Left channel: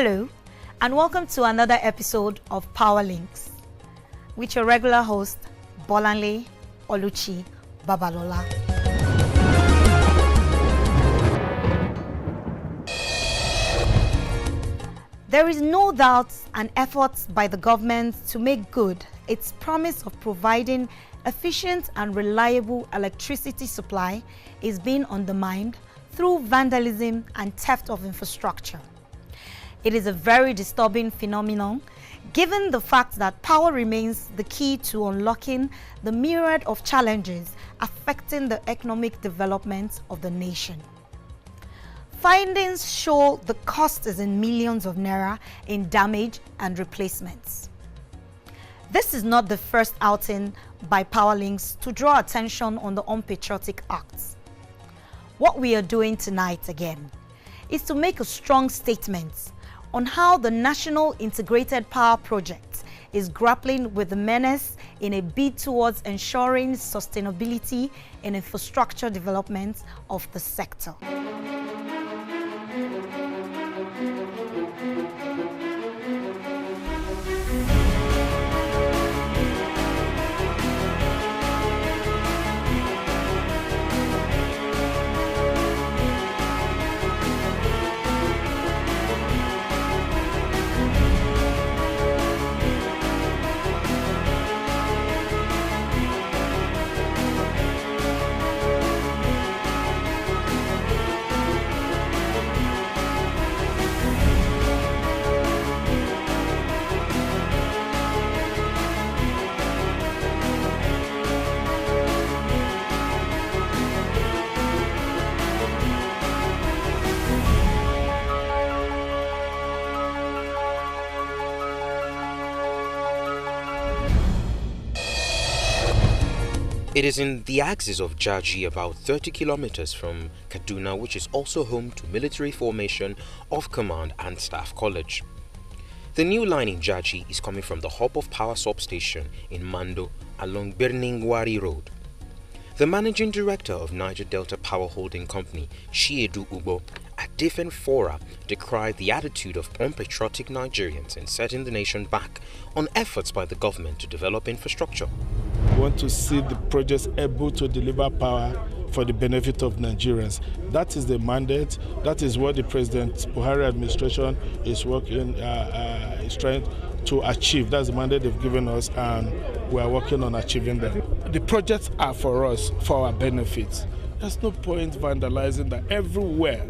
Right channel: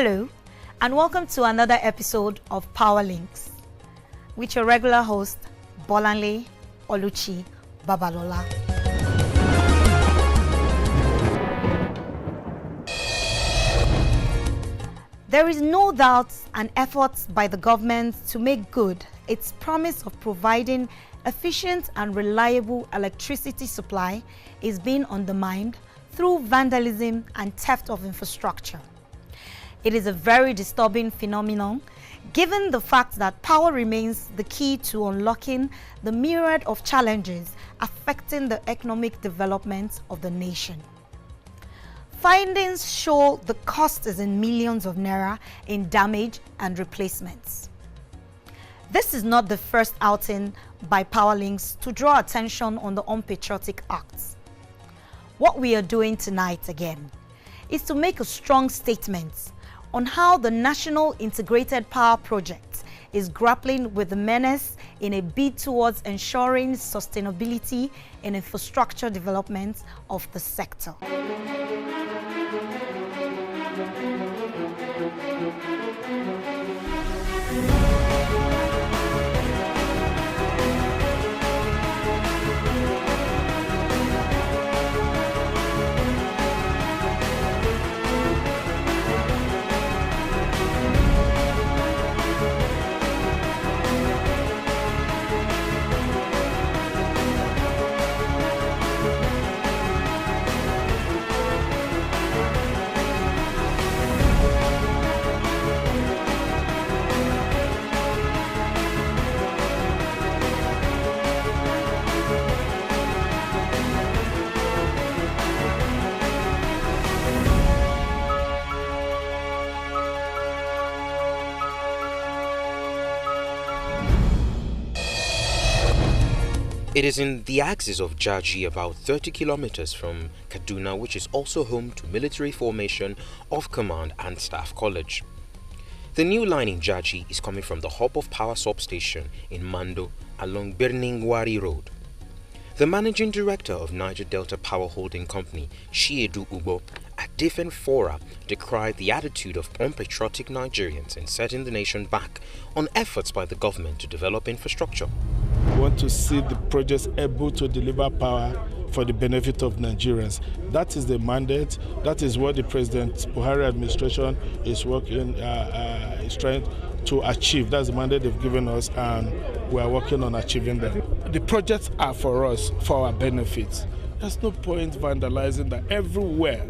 Hello, and welcome to another episode of Power Links with your regular host, Bolanle Oluchi Babalola. There is no doubt an effort by the government to make good its promise of providing efficient and reliable electricity supply is being undermined through vandalism and theft of infrastructure. It is a very disturbing phenomenon, given the fact that power remains the key to unlocking the myriad of challenges affecting the economic development of the nation. Findings show the cost is in millions of naira in damage and replacements. This is not the first outing by Powerlinks to draw attention on the unpatriotic acts. What we are doing tonight again is to make a strong statement on how the National Integrated Power Project is grappling with the menace in a bid towards ensuring sustainability in infrastructure development of the sector. It is in the axis of Jaji, about 30 kilometers from Kaduna, which is also home to military formation of Command and Staff College. The new line in Jaji is coming from the hub of power substation in Mando along Birningwari Road. The managing director of Niger Delta Power Holding Company, Chiedu Ubo, at different fora decried the attitude of unpatriotic Nigerians in setting the nation back on efforts by the government to develop infrastructure. We want to see the projects able to deliver power for the benefit of Nigerians. That is the mandate. That is what the President Buhari administration is working, is trying to achieve. That's the mandate they've given us, and we are working on achieving them. The projects are for us, for our benefits. There's no point vandalizing that. Everywhere,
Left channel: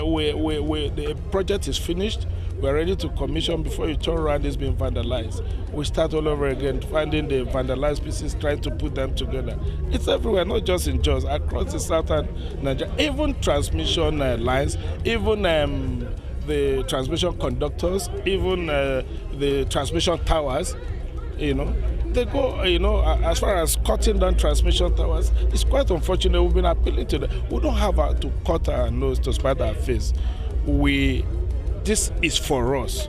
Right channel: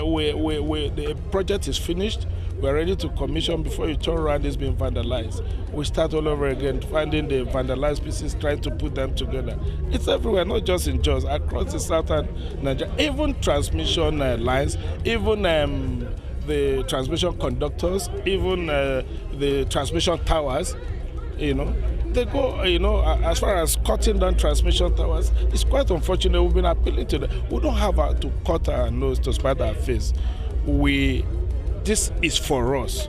the project is finished. We're ready to commission. Before you turn around, it's been vandalized. We start all over again, finding the vandalized pieces, trying to put them together. It's everywhere, not just in Jos, across the southern Nigeria. Even transmission lines, even the transmission conductors, even the transmission towers, they go, as far as cutting down transmission towers, it's quite unfortunate. We've been appealing to them. We don't have to cut our nose to spite our face. This is for us.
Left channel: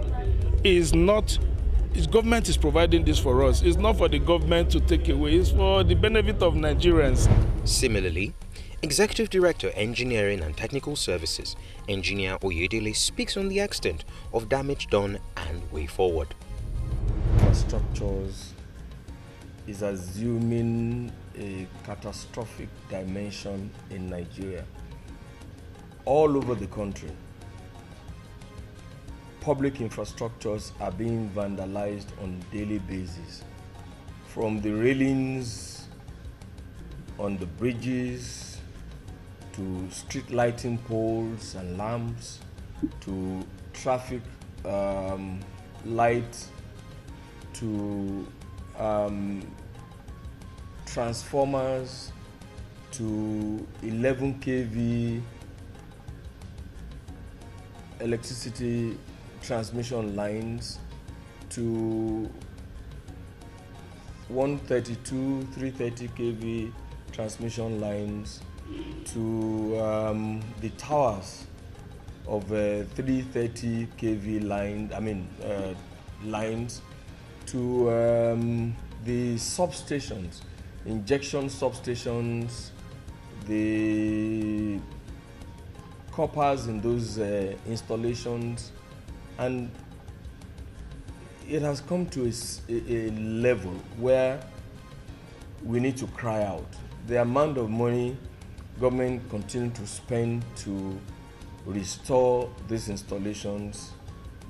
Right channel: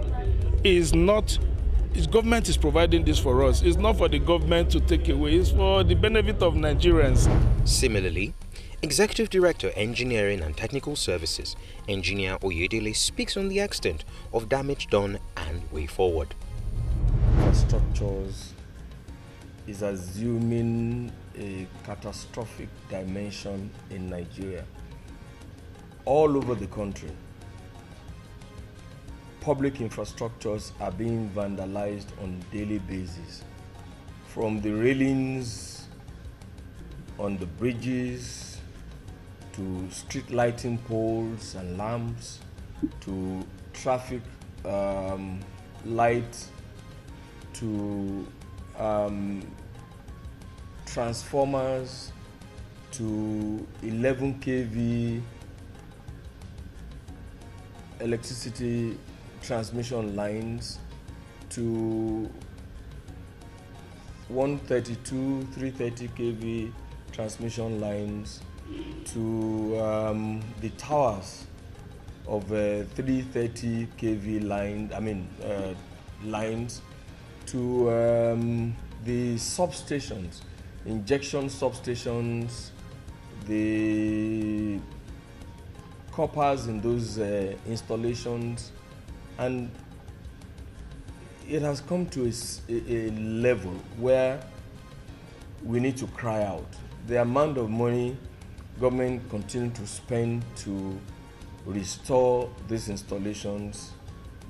Government is providing this for us. It's not for the government to take away. It's for the benefit of Nigerians. Similarly, Executive Director, Engineering and Technical Services, Engineer Oyedele, speaks on the extent of damage done and way forward. Infrastructures is assuming a catastrophic dimension in Nigeria, all over the country. public infrastructures are being vandalized on a daily basis. From the railings on the bridges, to street lighting poles and lamps, to traffic lights, to transformers, to 11 kV electricity transmission lines, to 132, 330 kV transmission lines, to the towers of 330 kV lines, to the substations, injection substations, the coppers in those installations, and it has come to a level where we need to cry out. The amount of money government continue to spend to restore these installations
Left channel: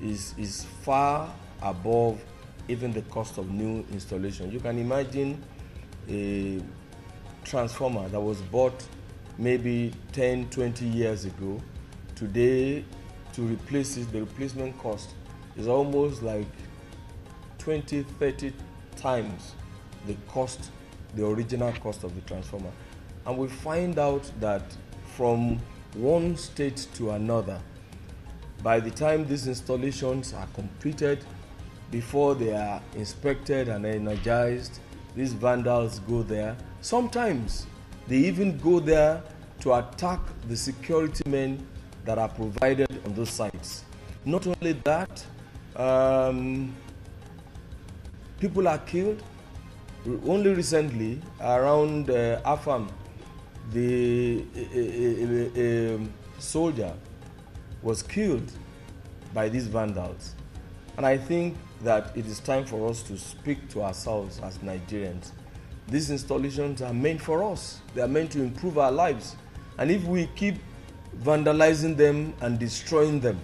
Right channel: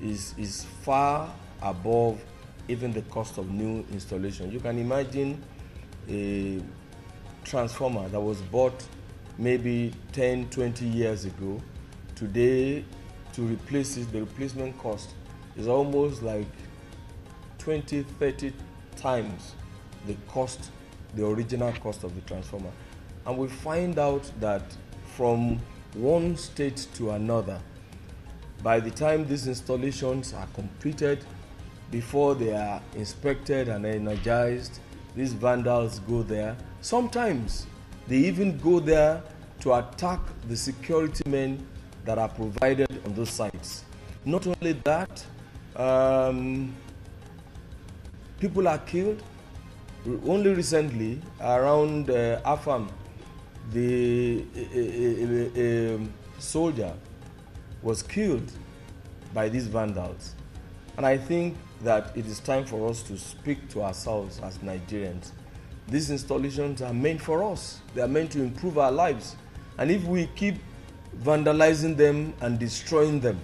is far above even the cost of new installation. You can imagine a transformer that was bought maybe 10, 20 years ago. Today, to replace it, the replacement cost is almost like 20, 30 times the original cost of the transformer. And we find out that from one state to another, by the time these installations are completed, before they are inspected and energized, these vandals go there. Sometimes they even go there to attack the security men that are provided on those sites. Not only that, people are killed. Only recently, around Afam, a soldier was killed by these vandals. And I think that it is time for us to speak to ourselves as Nigerians. These installations are meant for us. They are meant to improve our lives. And if we keep vandalizing them and destroying them,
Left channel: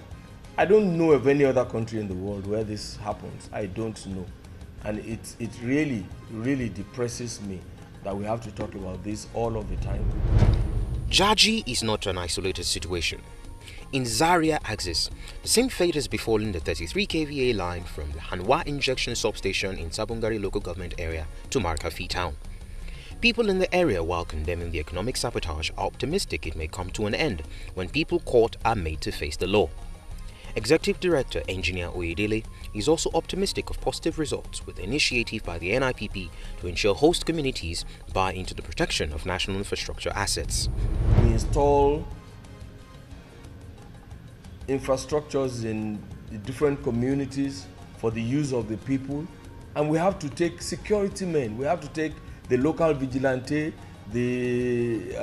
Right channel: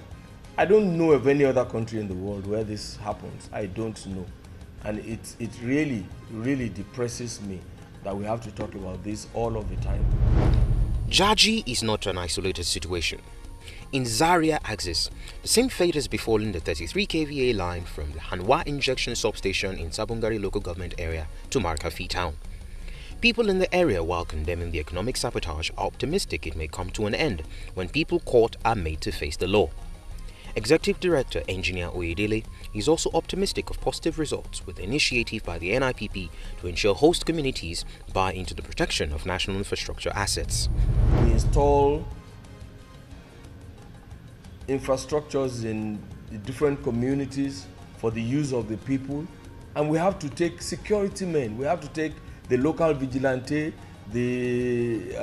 I don't know of any other country in the world where this happens. I don't know. And it really, really depresses me that we have to talk about this all of the time. Jaji is not an isolated situation. In Zaria axis, the same fate has befallen the 33 kVA line from the Hanwa injection substation in Sabongari local government area to Markafi town. People in the area, while condemning the economic sabotage, are optimistic it may come to an end when people caught are made to face the law. Executive Director Engineer Oyedele is also optimistic of positive results with the initiative by the NIPP to ensure host communities buy into the protection of national infrastructure assets. We install infrastructures in the different communities for the use of the people, and we have to take security men, we have to take the local vigilante, the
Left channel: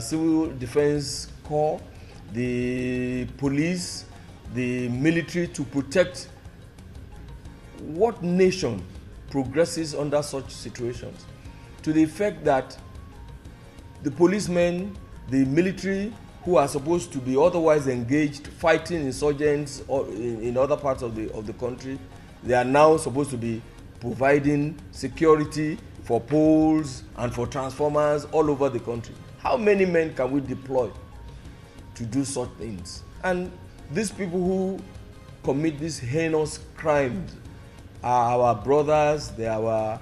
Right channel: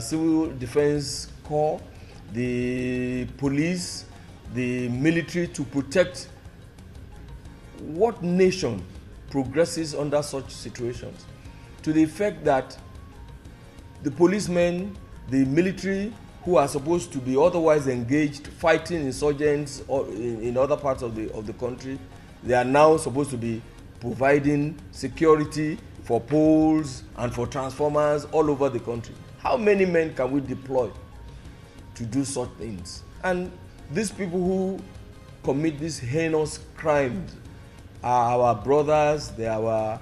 civil defense corps, the police, the military to protect. What nation progresses under such situations? To the effect that the policemen, the military, who are supposed to be otherwise engaged fighting insurgents or in other parts of the country, they are now supposed to be providing security for poles and for transformers all over the country. How many men can we deploy to do such things? And these people who commit these heinous crimes are our brothers, they are our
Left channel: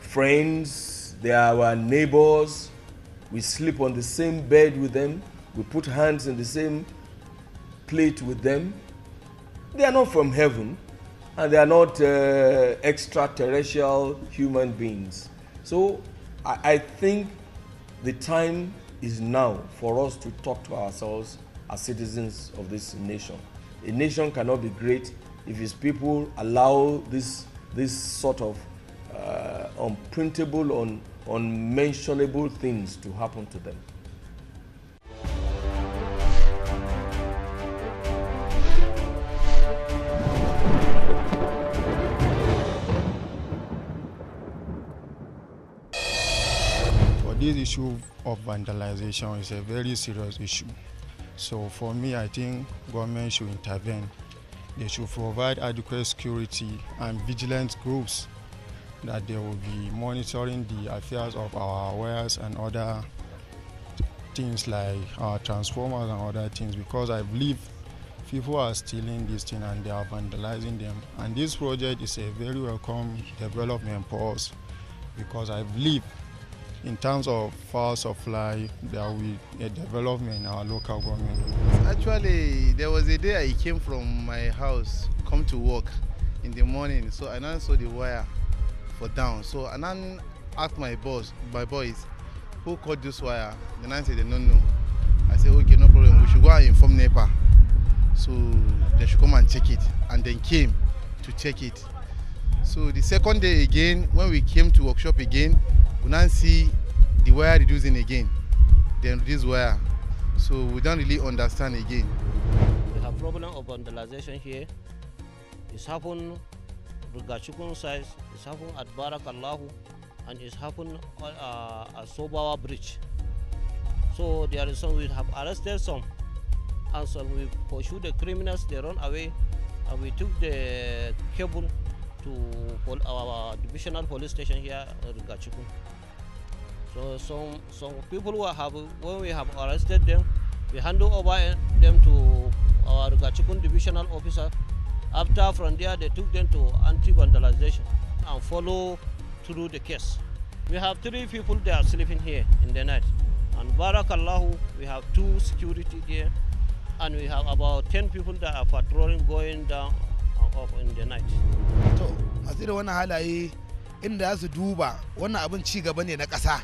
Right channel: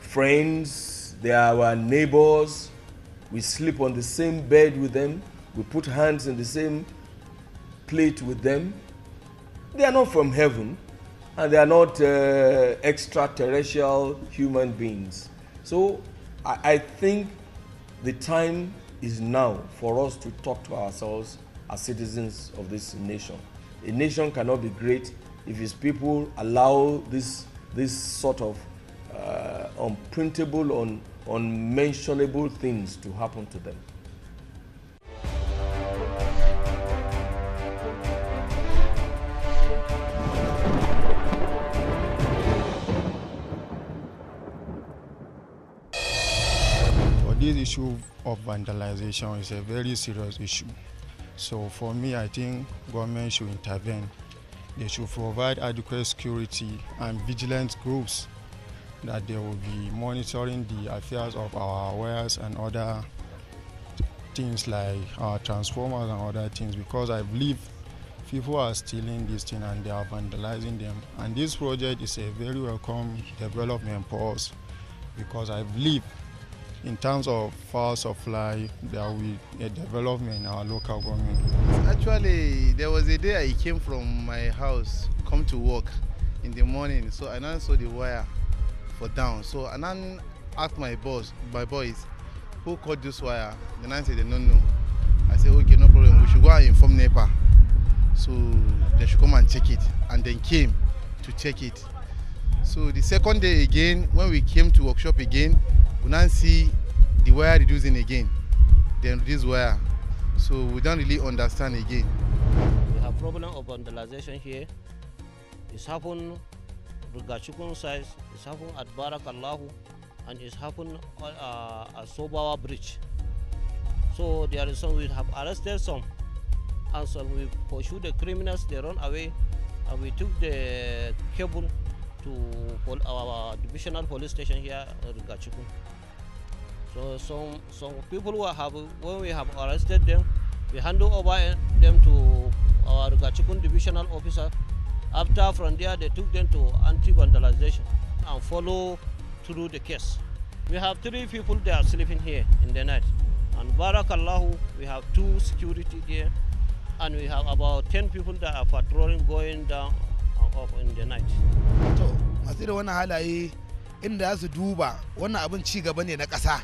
friends, they are our neighbors. We sleep on the same bed with them. We put hands in the same plate with them. They are not from heaven, and they are not extraterrestrial human beings. So I think the time is now for us to talk to ourselves as citizens of this nation. A nation cannot be great if its people allow this sort of unprintable, unmentionable things to happen to them. This issue of vandalization is a very serious issue. So for me, I think government should intervene they should provide adequate security and vigilance groups, that they will be monitoring the affairs of our wires and other things like our transformers and other things, because I believe people are stealing this thing and they are vandalizing them. And this project is a very welcome development for us, because I believe in terms of power supply, there will be a development in our local government. Actually, there was a day I came from my house, come to work in the morning, so I now saw the wire for down. So I now asked my boys, who cut this wire? Then I said they don't know. I said, okay, no problem, we should go and inform NEPA. So they should come and check it, and then came to check it. So the second day again, when we came to workshop again, we now see the wire reducing again, then this wire. So we don't really understand again. We have problem of vandalization here. It's happened at Gachukun side, it's happened at Barakallahu, and it's happened at Sobawa Bridge. So there is some, we have arrested some, and so we pursued the criminals, they run away, and we took the cable to our divisional police station here at Gachukun. So some people who have, when we have arrested them, we hand over them to our Gachukun divisional officer. After from there, they took them to anti-vandalization and follow through the case. We have 3 people that are sleeping here in the night. And Barakallahu, we have 2 security there, and we have about 10 people that are patrolling going down and up in the night. To, masu da wannan halaye inda za su duba wannan abin ci gaba ne na ƙasa.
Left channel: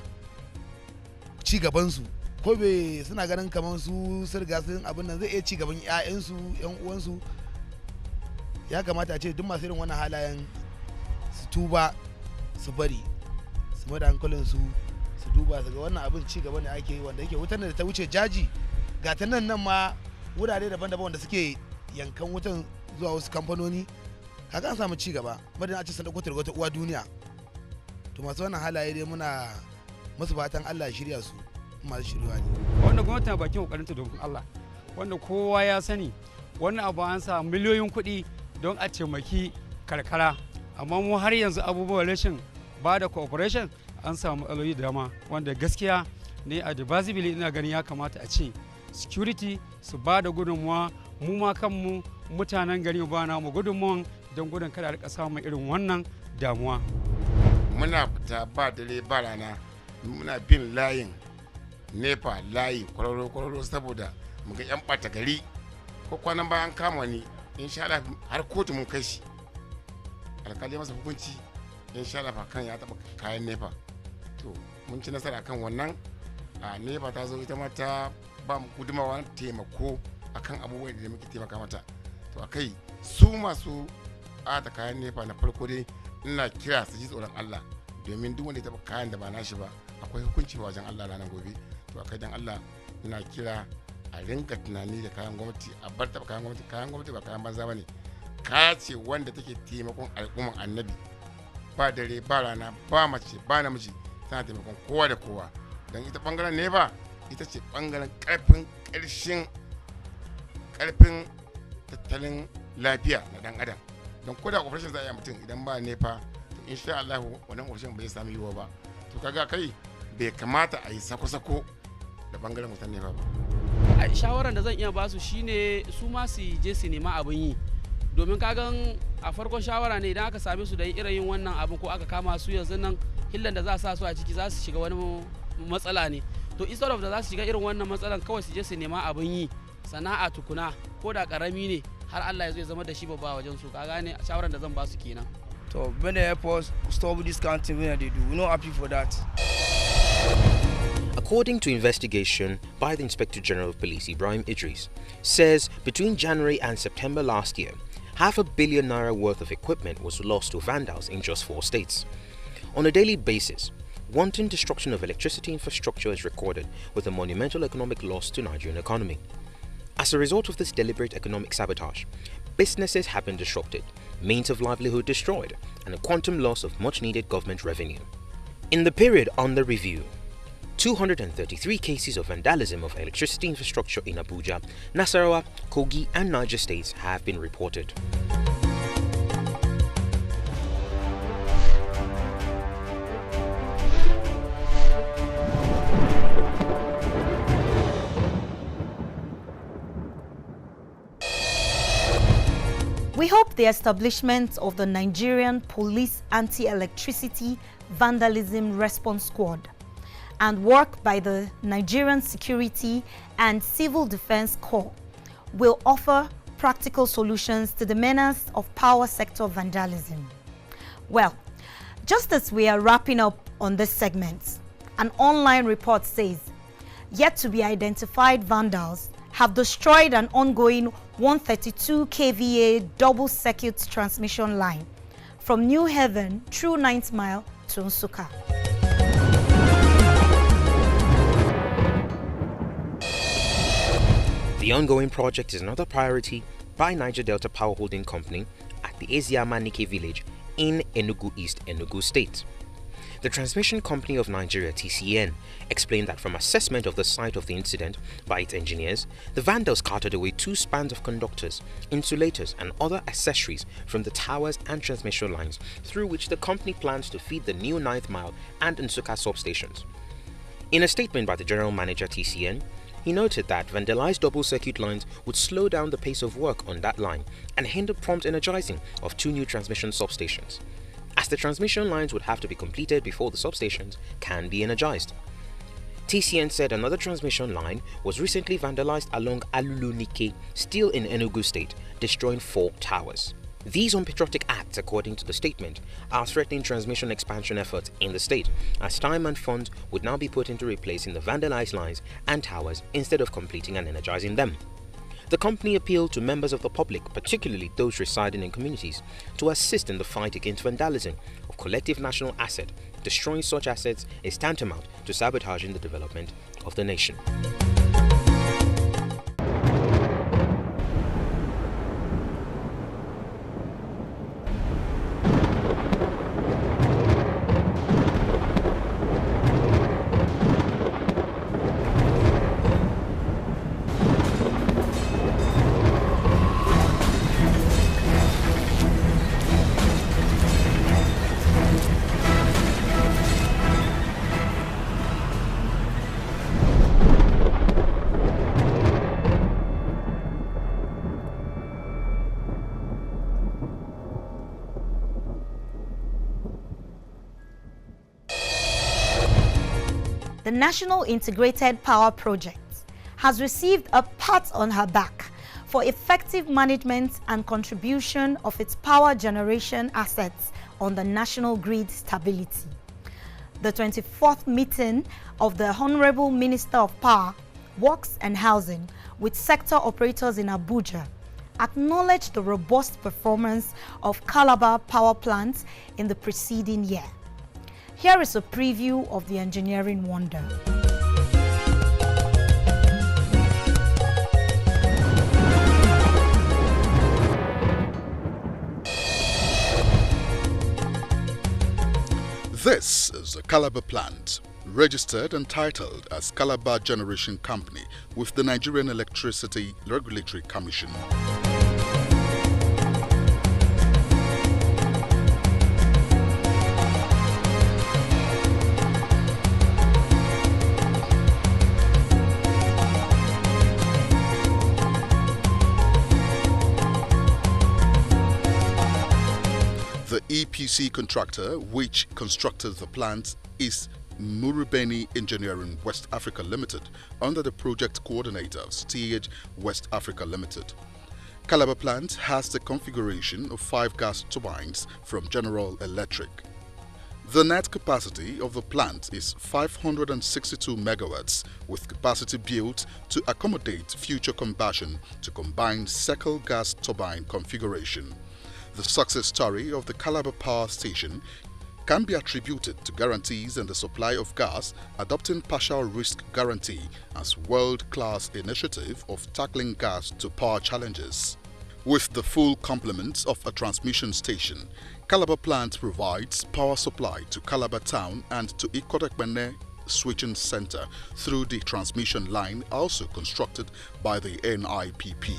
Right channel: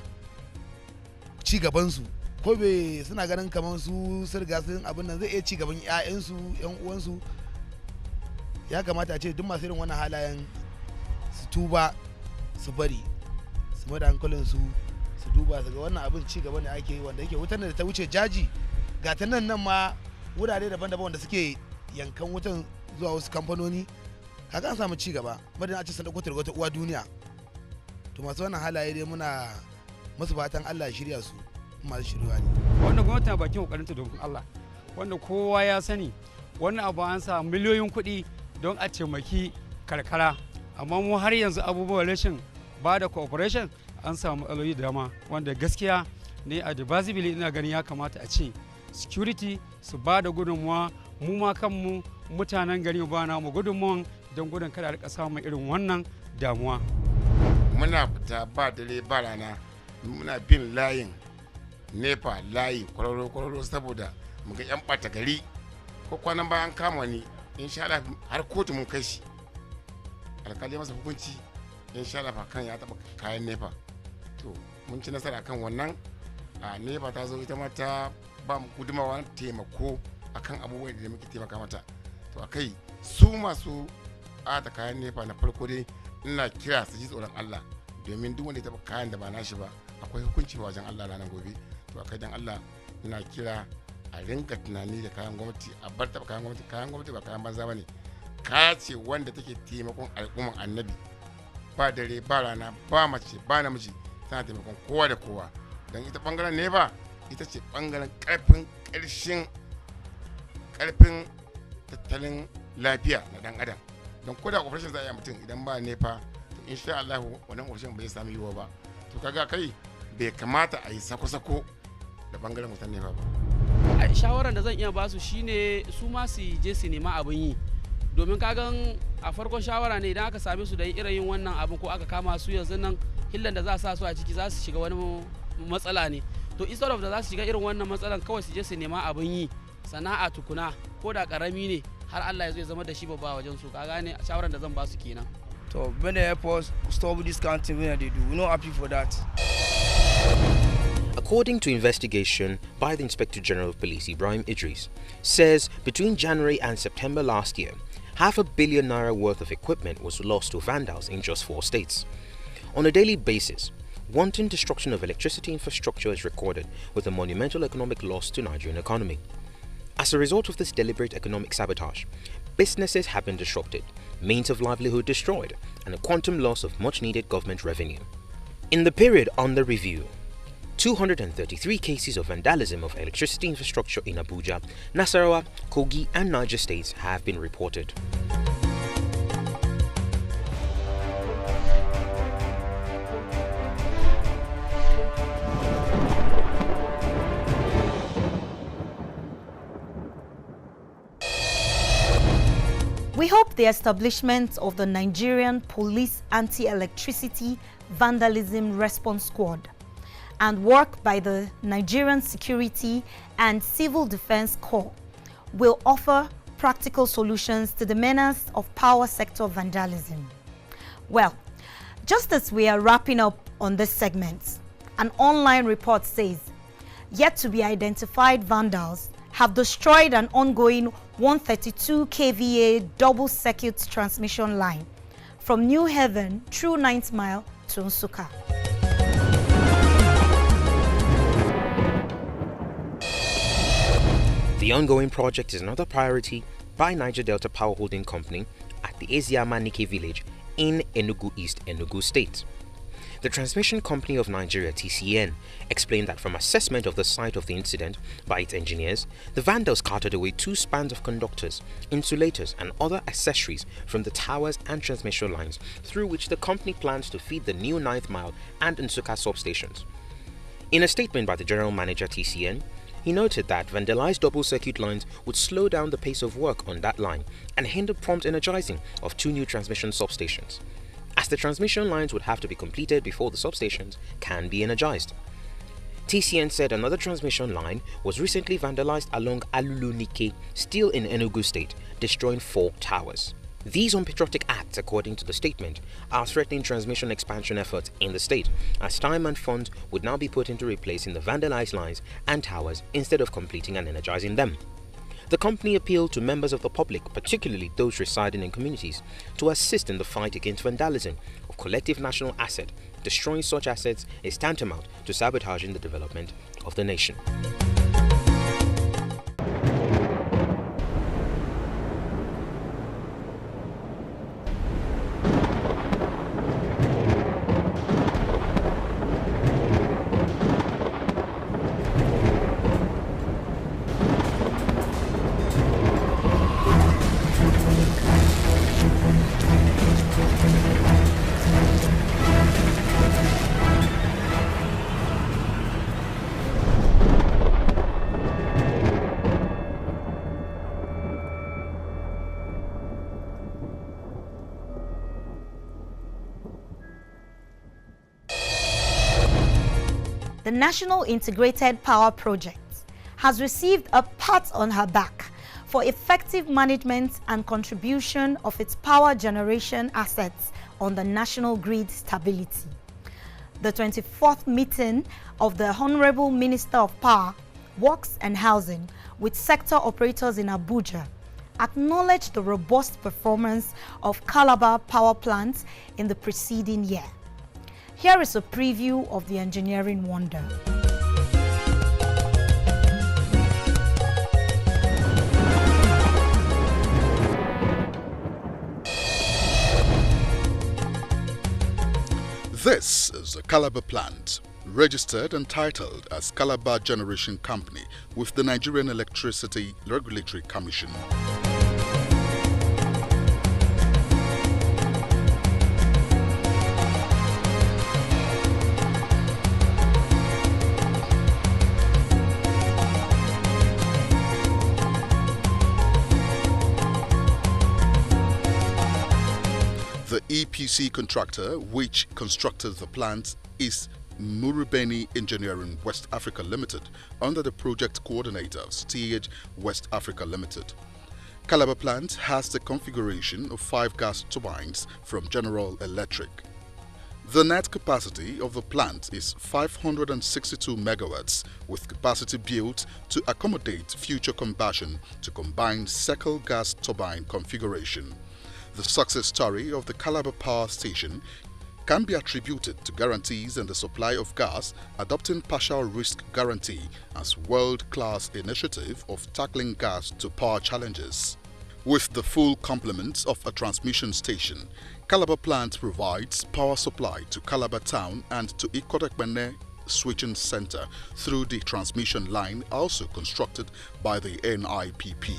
Ci gabansu ko bai suna ganin kamar su riga sun abin nan zai iya ci gaban ƴaƴansu, ƴan uwansu. Ya kamata a ce duk masu irin wannan halayen su tuba, su bari, su mai da hankalin su duba su ga wannan abin ci gaba ne ake yi, wanda yake wutar da ta wuce jaji ga ta nan ma wurare daban-daban wanda suke yankan wutan zuwa wasu kamfanoni. Haka an samu ci gaba, madan a ce sun dauko wata uwa duniya. To masu wannan halaye dai muna musu fatan Allah ya shirya su, masu shirya ne. Wannan gwamnati na bakin kokarinta don Allah, wanda kowa ya sani wannan abu an sa miliyoyin kuɗi don a taimaki karkara, amma mu har yanzu abubuwan rashin ba da cooperation an samu matsaloli da dama, wanda gaskiya ne a advisably ina ganin ya kamata a ce security su ba da gudunmuwa, mu ma kanmu mutanen gari ba na mu gudunmuwan don gudun kada a rika samun irin wannan damuwa. Muna fita ba dare ba rana, muna bin layin NEPA layi kwararo saboda mu ga 'yan ɓata gari. Ko kwanan bayan kama ni, insha Allah har kotu mun kai shi, alkali masa hukunci, insha Allah kan ya taɓa kayan NEPA. To mun ci nasara kan wannan. A NEPA ta zo ita ma ta ba mu gudumawa taimako akan abubuwan da muke taimaka mata. To akai su masu ata kayan NEPA na farko dai ina kira su ji tsoron Allah, domin duk wanda ya taɓa kayan da ba nashi ba akwai hukunci ba wajen Allah ranar gobe. To akai dan Allah ina kira a rinka tunani da kayan gwamnati, a bar taɓa kayan gwamnati ba kayan banza ba ne. Kaya ce wanda take taimakon al'umman annabi, ba dare ba rana ba mace ba namiji, tana taimakon kowa da kowa. Don ita bangaren NEPA ita ce bangaren karfin tattalin lafiya na dan adam. Don koda operation za a yi mutum idan ba NEPA, to insha Allah wannan operation bai sami yiwuwa ba. To kaga kai bai kamata a yi sako-sako da bangaren wutan NEPA ba. A shawaran da zan iya basu shine su ma su je su nema abin yi, domin kagan a farkon shawara ne idan aka same su da irin yin wannan abin ko aka kama su yanzu nan hillan da za sa su a ciki za su shiga wani matsala ne. To instead of da za su shiga irin wannan matsalan, kawai su je su nema abin yi, sana'a tukuna ko da karami ne, har Allah ya zo ya zama da shi babba wajen su. Ka gane shawaran da zan ba su kenan. To when they help us stop this kind of thing when they do, we're not happy for that. According to investigation by the Inspector General of Police, Ibrahim Idris, says between January and September last year, ₦500 million worth of equipment was lost to vandals in just 4 states. On a daily basis, wanton destruction of electricity infrastructure is recorded, with a monumental economic loss to Nigerian economy. As a result of this deliberate economic sabotage, businesses have been disrupted, means of livelihood destroyed, and a quantum loss of much-needed government revenue. In the period under review, 233 cases of vandalism of electricity infrastructure in Abuja, Nasarawa, Kogi and Niger states have been reported. We hope the establishment of the Nigerian Police Anti-Electricity Vandalism Response Squad and work by the Nigerian Security and Civil Defense Corps will offer practical solutions to the menace of power sector vandalism. Well, just as we are wrapping up on this segment, an online report says yet to be identified vandals have destroyed an ongoing 132 kVA double circuit transmission line from New Haven through 9th Mile to Nsukka. The ongoing project is another priority by Niger Delta Power Holding Company at the Eziama Nike village in Enugu East, Enugu State. The Transmission Company of Nigeria (TCN) explained that from assessment of the site of the incident by its engineers, the vandals carted away 2 spans of conductors, insulators and other accessories from the towers and transmission lines through which the company plans to feed the new 9th Mile and Nsukka substations. In a statement by the General Manager TCN, he noted that vandalized double circuit lines would slow down the pace of work on that line and hinder prompt energizing of 2 new transmission substations, as the transmission lines would have to be completed before the substations can be energized. TCN said another transmission line was recently vandalized along Alulu-Nike, still in Enugu State, destroying 4 towers. These unpatriotic acts, according to the statement, are threatening transmission expansion efforts in the state, as time and funds would now be put into replacing the vandalized lines and towers instead of completing and energizing them. The company appealed to members of the public, particularly those residing in communities, to assist in the fight against vandalism of collective national asset. Destroying such assets is tantamount to sabotaging the development of the nation. The National Integrated Power Project has received a pat on her back for effective management and contribution of its power generation assets on the national grid stability. The 24th meeting of the Honorable Minister of Power, Works and Housing with sector operators in Abuja acknowledged the robust performance of Calabar power plants in the preceding year. Here is a preview of the engineering wonder. This is the Calabar plant, registered and titled as Calabar Generation Company with the Nigerian Electricity Regulatory Commission. The EPC contractor which constructed the plant is Murubeni Engineering West Africa Limited under the project coordinator of Steage West Africa Limited. Calabar plant has the configuration of 5 gas turbines from General Electric. The net capacity of the plant is 562 megawatts with capacity built to accommodate future combustion to combined cycle gas turbine configuration. The success story of the Calabar Power Station can be attributed to guarantees in the supply of gas, adopting partial risk guarantee as world-class initiative of tackling gas to power challenges. With the full complement of a transmission station, Calabar plant provides power supply to Calabar town and to Ikotekpene switching center through the transmission line also constructed by the NIPP.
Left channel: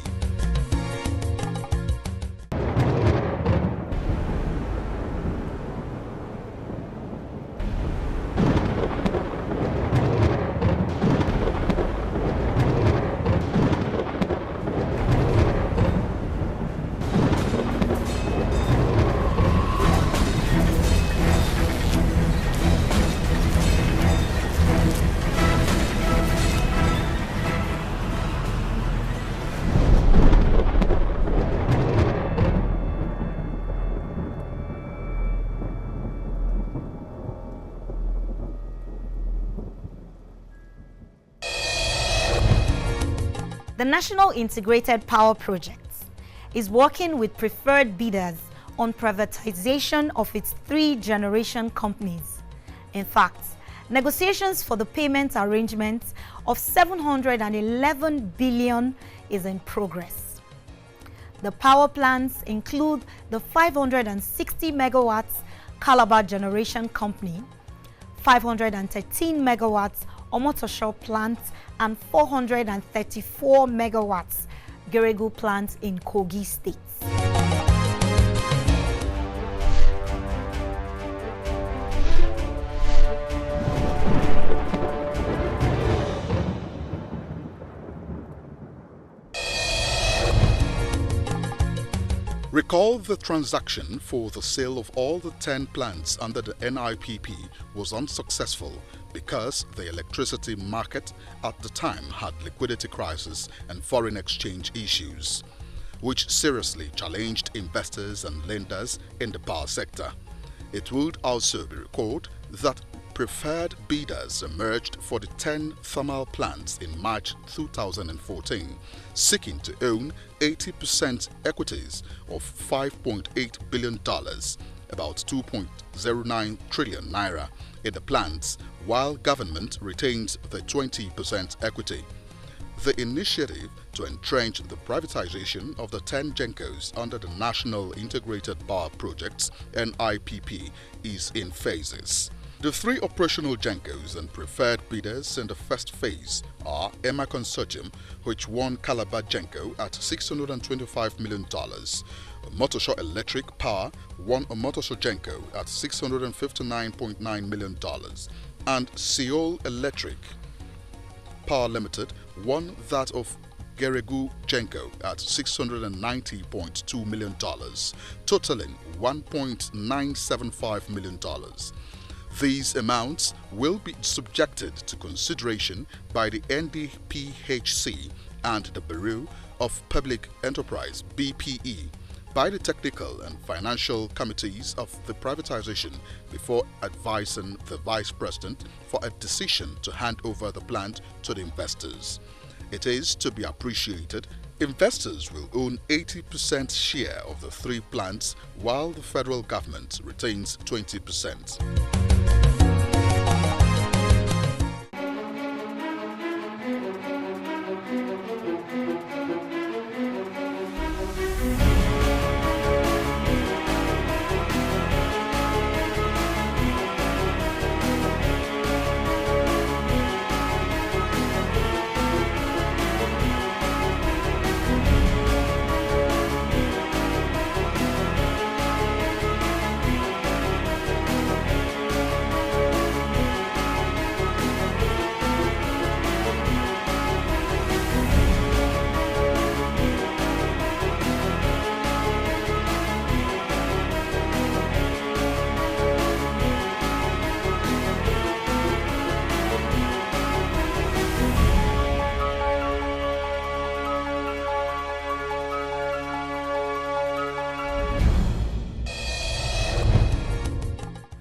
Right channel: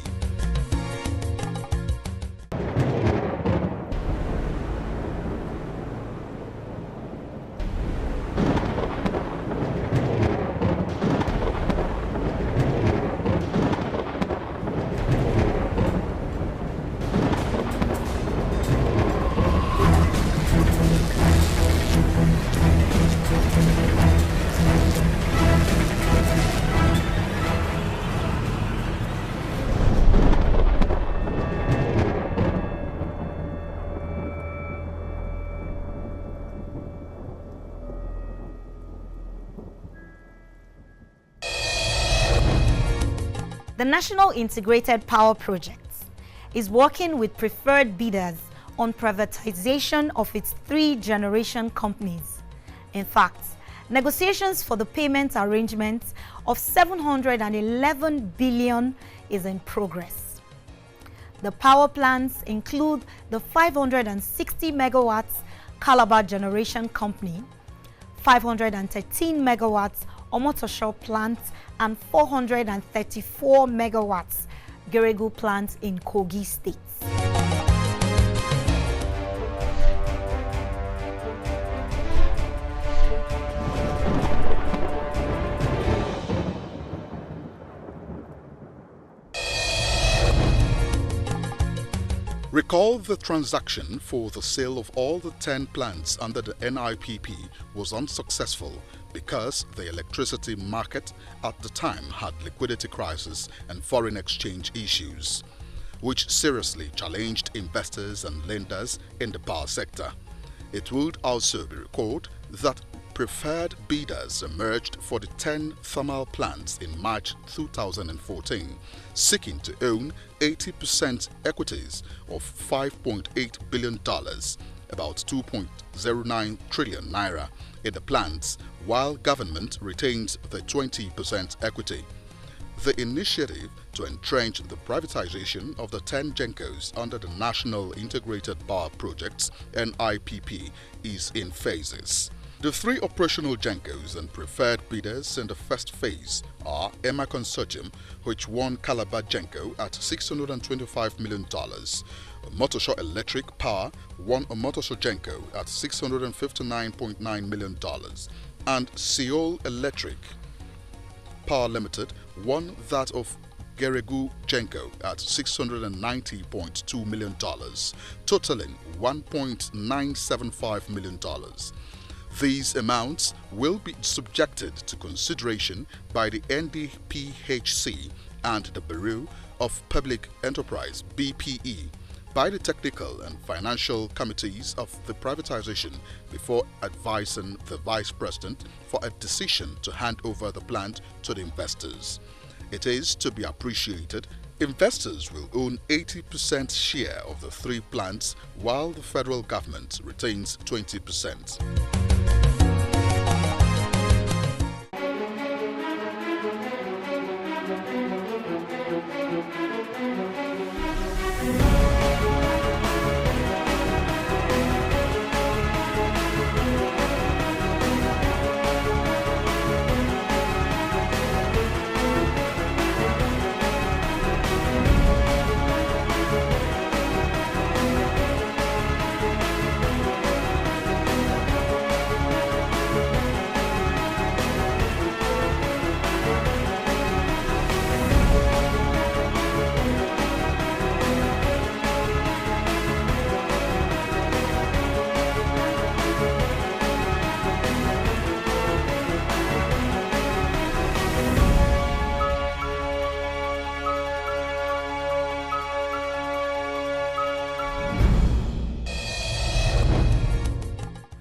The National Integrated Power Project is working with preferred bidders on privatization of its 3 generation companies. In fact, negotiations for the payment arrangement of 711 billion is in progress. The power plants include the 560 megawatts Calabar Generation Company, 513 megawatts Omotosho plant, and 434 megawatts Geregu plant in Kogi State. Recall the transaction for the sale of all the 10 plants under the NIPP was unsuccessful because the electricity market at the time had liquidity crisis and foreign exchange issues, which seriously challenged investors and lenders in the power sector. It would also be recalled that preferred bidders emerged for the 10 thermal plants in March 2014, seeking to own 80% equities of $5.8 billion, about 2.09 trillion naira, in the plants, while government retains the 20% equity. The initiative to entrench the privatization of the 10 GENCOs under the National Integrated Power Projects (NIPP) is in phases. The 3 operational GENCOs and preferred bidders in the first phase are Emma Consortium, which won Calabar GENCO at $625 million. Omotosho Electric Power won Omotosho GENCO at $659.9 million. And Seoul Electric Power Limited won that of Geregu GENCO at $690.2 million, totaling $1.975 million. These amounts will be subjected to consideration by the NDPHC and the Bureau of Public Enterprise (BPE) by the technical and financial committees of the privatization before advising the Vice President for a decision to hand over the plant to the investors. It is to be appreciated, investors will own 80% share of the 3 plants while the federal government retains 20%.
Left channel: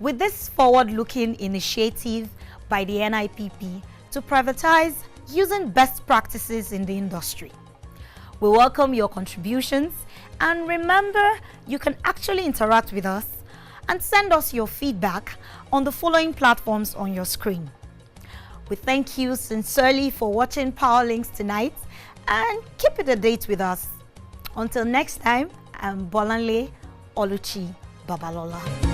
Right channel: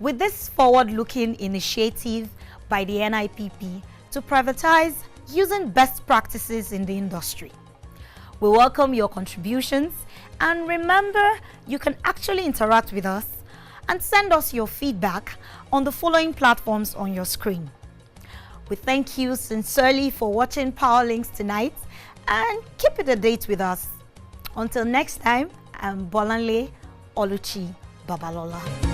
With this forward-looking initiative by the NIPP to privatize using best practices in the industry, we welcome your contributions, and remember, you can actually interact with us and send us your feedback on the following platforms on your screen. We thank you sincerely for watching PowerLinks tonight, and keep it a date with us. Until next time, I'm Bolanle Oluchi Babalola.